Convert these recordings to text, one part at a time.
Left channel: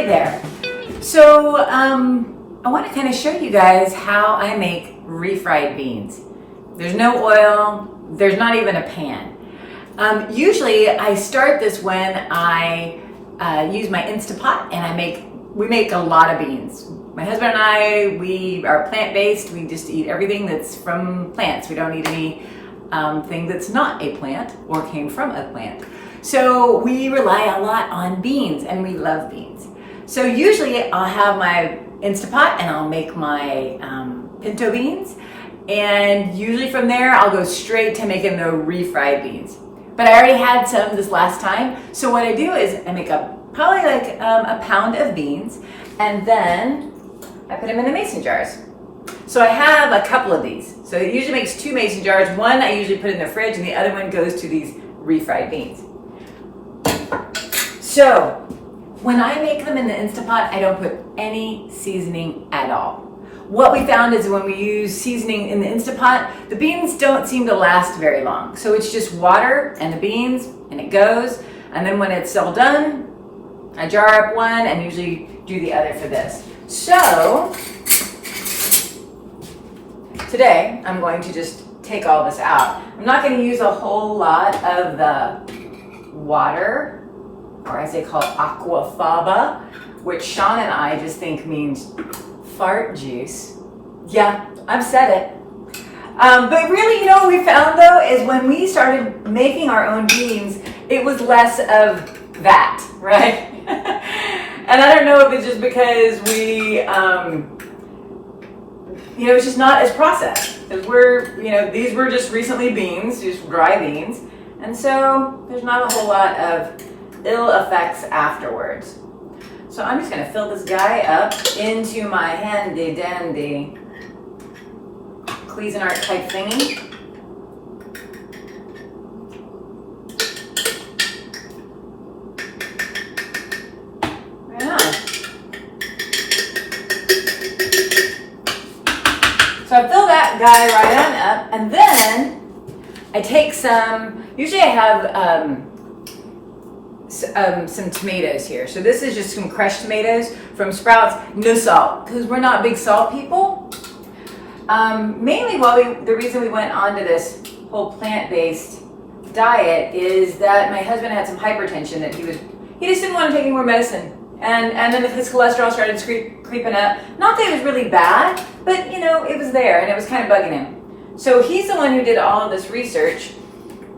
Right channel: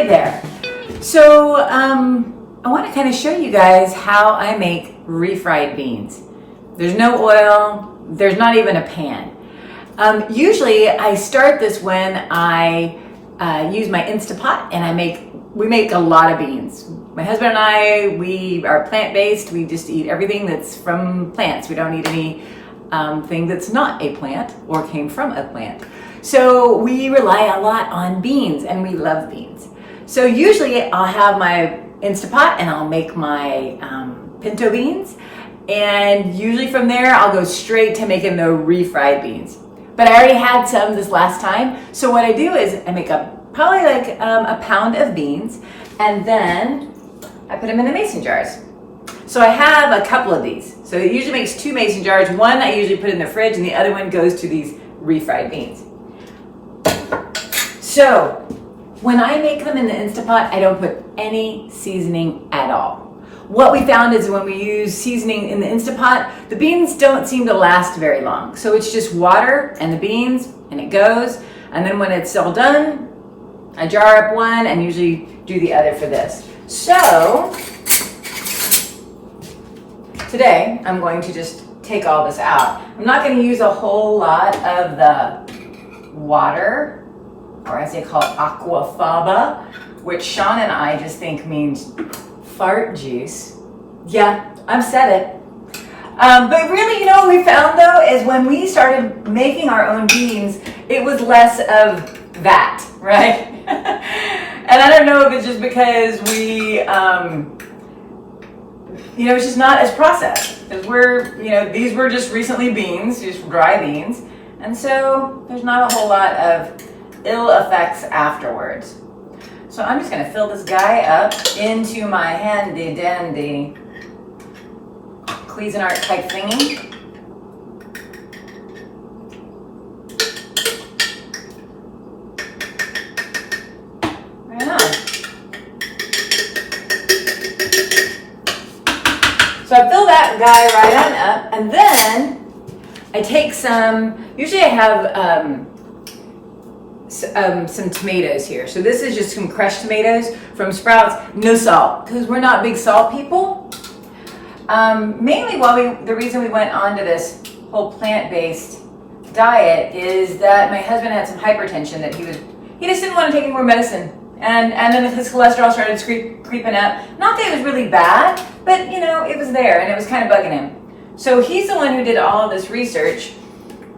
Hey there. So I want to kind of show you guys how I make refried beans. There's no oil, there's not even a pan. Usually I start this when I use my Instapot and we make a lot of beans. My husband and I, we are plant-based. We just eat everything that's from plants. We don't eat any thing that's not a plant or came from a plant. So we rely a lot on beans, and we love beans. So usually I'll have my Instapot and I'll make my pinto beans. And usually from there, I'll go straight to making the refried beans. But I already had some this last time. So what I do is I make probably like a pound of beans, and then I put them in the mason jars. So I have a couple of these. So it usually makes 2 mason jars. One I usually put in the fridge, and the other one goes to these refried beans. So when I make them in the Instapot, I don't put any seasoning at all. What we found is when we use seasoning in the Instapot, the beans don't seem to last very long. So it's just water and the beans, and it goes. And then when it's all done, I jar up one and usually do the other for this. So today I'm going to just take all this out. I'm not going to use a whole lot of the water, or as they call it, aquafaba, which Sean and I just think means fart juice. Yeah, I've said it. But really, you know what we found though, is when we started making our own beans, it was less of that, right? And I don't know if it's just because we, it's just not as processed. Because these were just recently beans, just dry beans. And so there's not a whole lot of ill effects afterwards. So I'm just gonna fill this guy up into my handy dandy Cuisinart type thingy. Right on. So I fill that guy right on up, and then I take usually I have some tomatoes here. So this is just some crushed tomatoes from Sprouts, no salt, because we're not big salt people. Mainly the reason we went on to this whole plant-based diet is that my husband had some hypertension that he just didn't want to take any more medicine. And then his cholesterol started creeping up. Not that it was really bad, but it was there and it was kind of bugging him. So he's the one who did all of this research.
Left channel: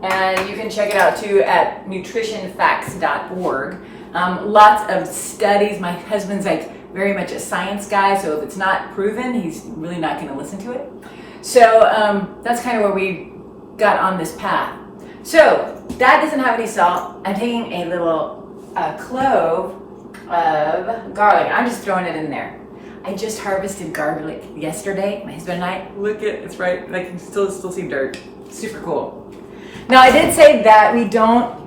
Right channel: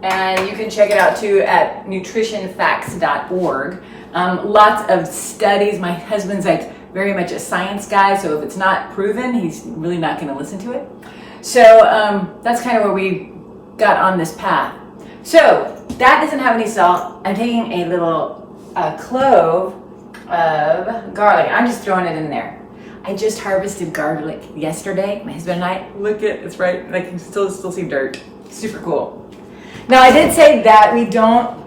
And you can check it out too at nutritionfacts.org. Lots of studies. My husband's very much a science guy, so if it's not proven, he's really not going to listen to it. So that's kind of where we got on this path. So that doesn't have any salt. I'm taking a little clove of garlic. I'm just throwing it in there. I just harvested garlic yesterday. My husband and I, look at it's right. I can still see dirt. Super cool. Now, I did say that we don't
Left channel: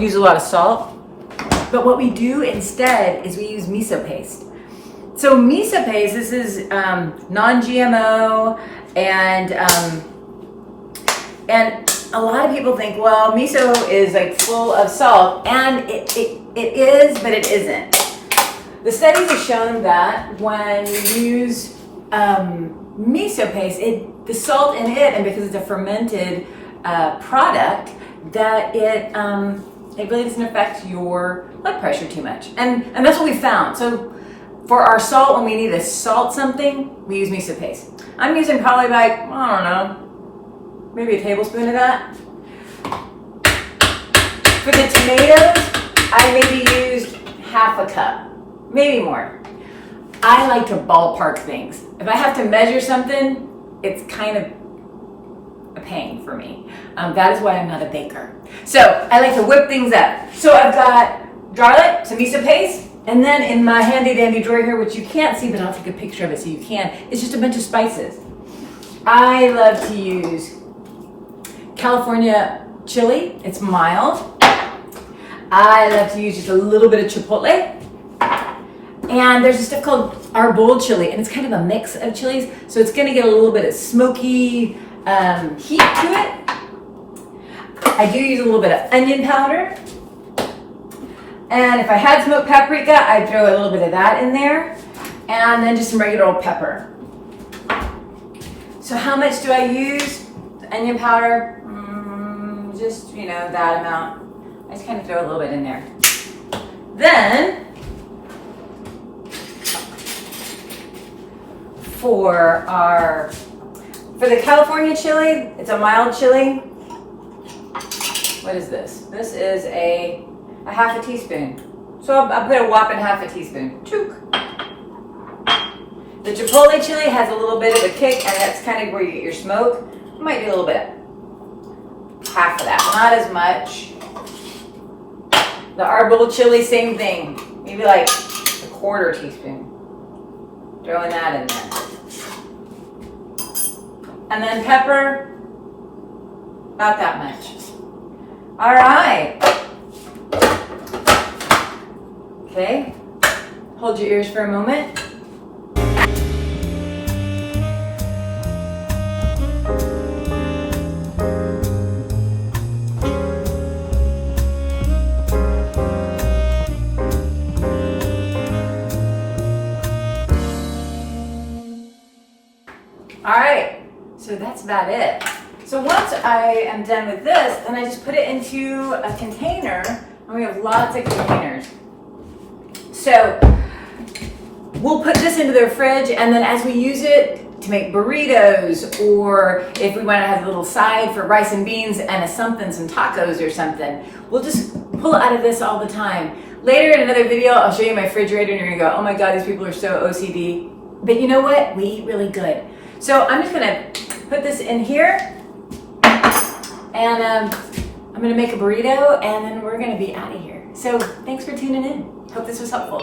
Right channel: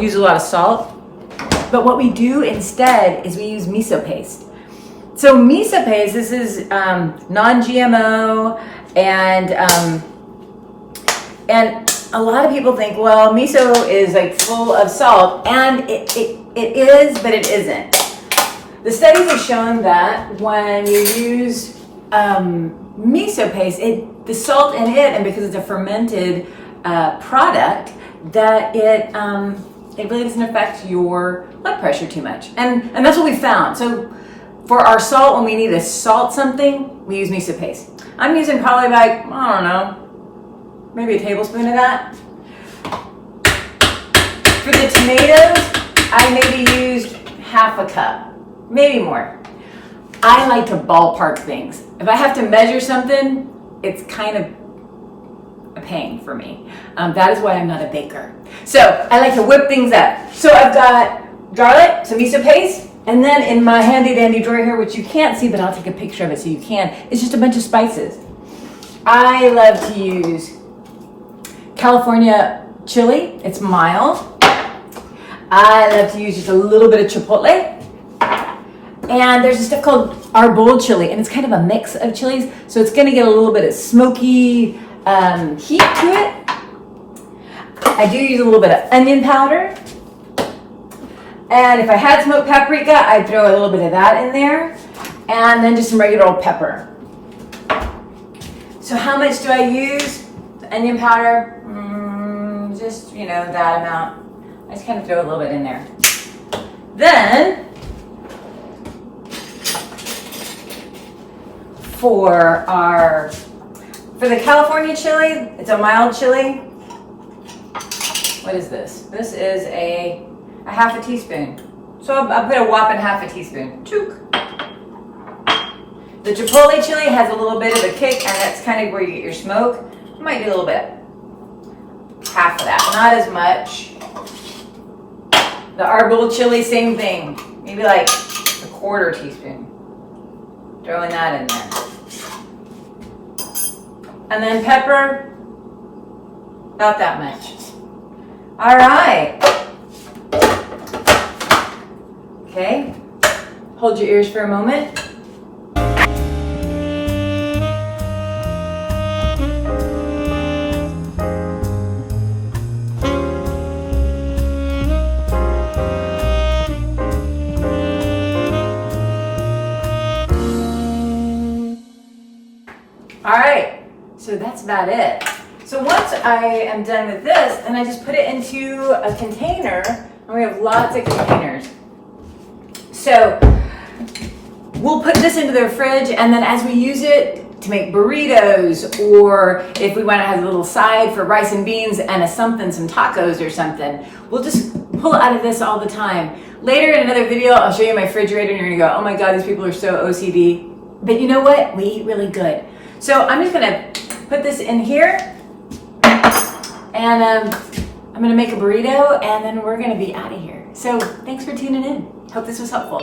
use a lot of salt, but what we do instead is we use miso paste. So miso paste, this is non-GMO, and a lot of people think, well, miso is full of salt, and it is, but it isn't. The studies have shown that when you use miso paste, the salt in it, and because it's a fermented product, that it really doesn't affect your blood pressure too much, and that's what we found. So for our salt, when we need to salt something, we use miso paste. I'm using probably I don't know, maybe a tablespoon of that. For the tomatoes, I maybe used half a cup, maybe more. I like to ballpark things. If I have to measure something, it's kind of a pain for me. That is why I'm not a baker. So I like to whip things up. So I've got garlic, some miso paste, and then in my handy dandy drawer here, which you can't see, but I'll take a picture of it so you can, it's just a bunch of spices. I love to use California chili. It's mild. I love to use just a little bit of chipotle. And there's a stuff called arbol chili, and it's kind of a mix of chilies, so it's going to get a little bit of smoky heat to it. I do use a little bit of onion powder, And if I had smoked paprika, I'd throw a little bit of that in there. And then just some regular old pepper. So how much do I use? The onion powder, just, you know, that amount. I just kind of throw a little bit in there. Then, for the California chili, it's a mild chili. What is this? This is a half a teaspoon. So I'll put a whopping half a teaspoon. Chook. The chipotle chili has a little bit of a kick, and that's kind of where you get your smoke. It might be a little bit. Half of that, not as much. The arbol chili, same thing. Maybe like a quarter teaspoon. Throwing that in there. And then pepper, about that much. All right. Okay, hold your ears for a moment. All right, so that's about it. So once I am done with this, then I just put it into a container, and we have lots of containers. So we'll put this into the fridge, and then as we use it to make burritos, or if we want to have a little side for rice and beans and some tacos or something, we'll just pull out of this all the time. Later in another video, I'll show you my refrigerator, and you're gonna go, oh my God, these people are so OCD. But you know what? We eat really good. So I'm just gonna put this in here, and I'm gonna make a burrito, and then we're gonna be out of here. So thanks for tuning in. Hope this was helpful.